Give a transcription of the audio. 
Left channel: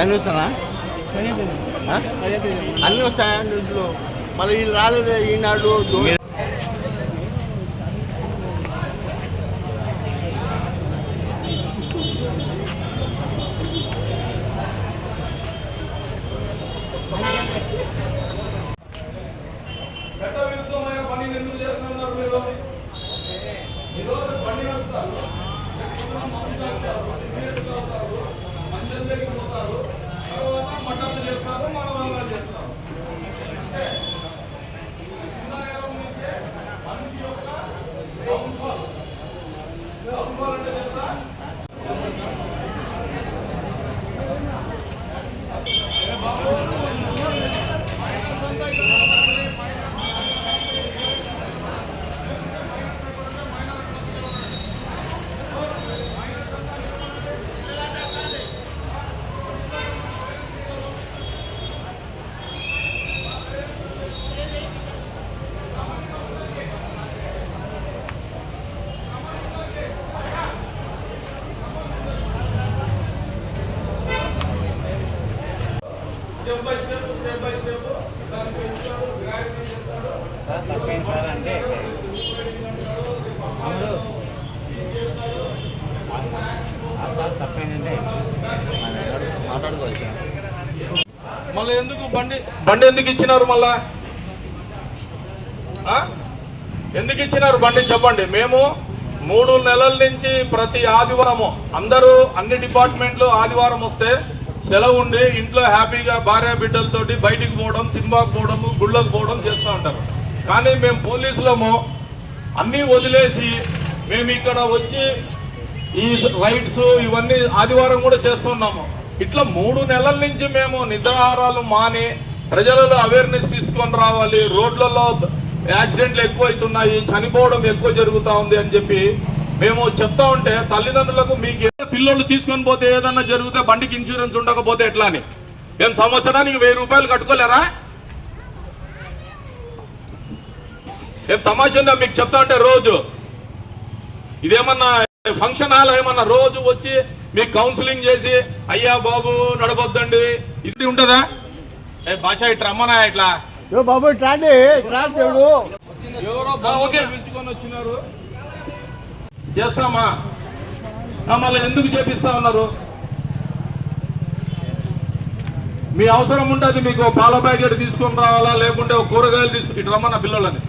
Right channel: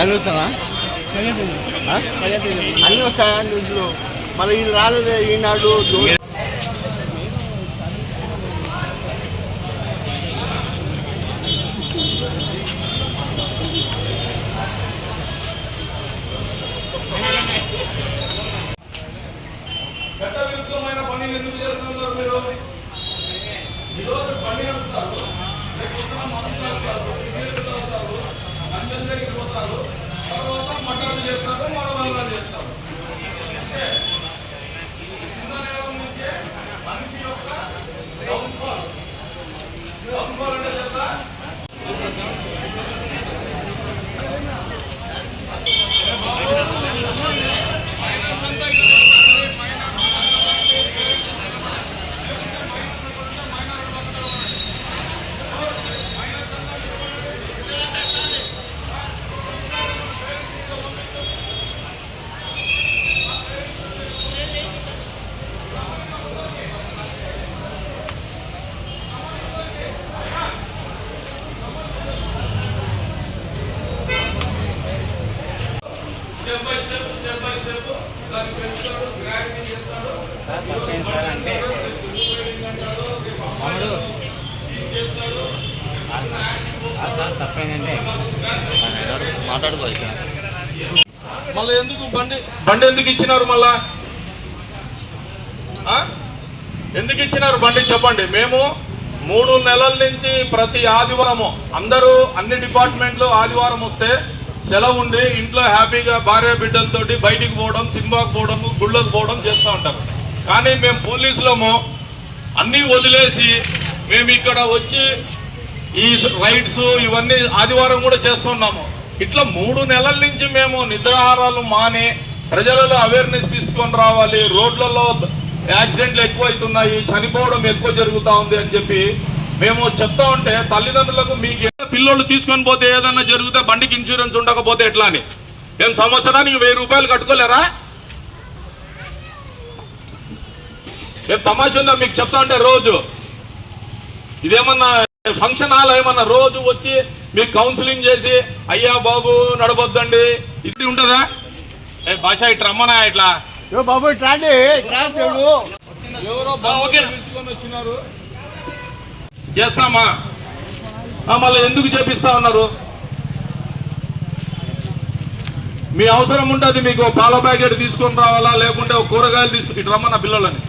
అన్నీ వస్తానా అన్నీ వస్తాయా న్యూస్లో మళ్ళీ ఇది రాలేదు ఈనాడు పనులు ఎందుకు చేస్తున్నారు మీరు? ఈరోజు పని నడుపుతారు, మందు తాగుతారు, మంచం దగ్గరికి పోతారు, తర్వాత మటన్లు చేస్తారు, మానవాళ్ళు చేస్తారు. చిన్న నేరం నుంచే మనిషి యొక్క డౌన్ఫాల్ అంటే చేస్తా స్టెప్ బై స్టెప్ దాన్ని పెంచుతాడు, గ్రాడ్యుయేట్ చేస్తాడు, మళ్ళీ ఎందుకు బండి ఎందుకు ఇచ్చినారు? మళ్ళా ఎందుకు ఇచ్చినారు బండి చెప్పండి. మేము 3 నెలల నుంచి ప్రతి ఆదివారము అందరూ అన్ని డిపార్ట్మెంట్లు ఆదివారం వస్తే సెలవు ఉండి ఇంట్లో హ్యాపీగా భార్య బిడ్డలతోటి బయటికి పోవడం, సినిమాకు పోవడం, గుళ్ళకు పోవడం చేస్తూ ఉంటారు. కానీ మేము పోలీసులము అన్నీ వదిలేసి మేము ఇక్కడ వచ్చి ఈ రైడ్స్ ఇవన్నీ ఆదివారం కూడా చేస్తున్నాము. ఇట్లా 3 నెలల నుంచి మేము నిద్రాహారాలు మాని ప్రజలలో అవేర్నెస్ తీసుకొని రావాలి. రోడ్లలో యాక్సిడెంట్లు ఎక్కువ అవుతున్నాయి, చనిపోవడం ఎక్కువ జరుగుతూ ఉంది అని చెప్పి మేము చెప్తా ఉంటే తల్లిదండ్రులకు మీకు పిల్లలు తీసుకొని పోతే ఏదన్నా జరిగితే బండికి ఇన్సూరెన్స్ ఉండకపోతే ఎట్లా అని మేము సంవత్సరానికి 1000 రూపాయలు కట్టుకోలేరా? ఏం తమాషా ఉందా మీకు చెప్తా ఉంటే? రోజు ఇదేమన్నా ఫంక్షన్ హాల్ ఏమన్నా రోజు వచ్చి మీకు కౌన్సిలింగ్ చేసి అయ్యా బాబు నడవద్దండి ఇది ఉంటుందా? భాష ఇట్లా రమ్మనా ఇట్లా బాబు ఎవరో బాబుకి పిలుచుకొని వచ్చినారు చేస్తామా? మళ్ళీ ఎందుకు చేపిస్తా ఉన్నారు? మీ అవసరం ఉంటుంది, మీకు పాల ప్యాకెట్ తీసుకొని రావాలా, లేకుంటే కూరగాయలు తీసుకుని ఇటు రమ్మన్న పిల్లలని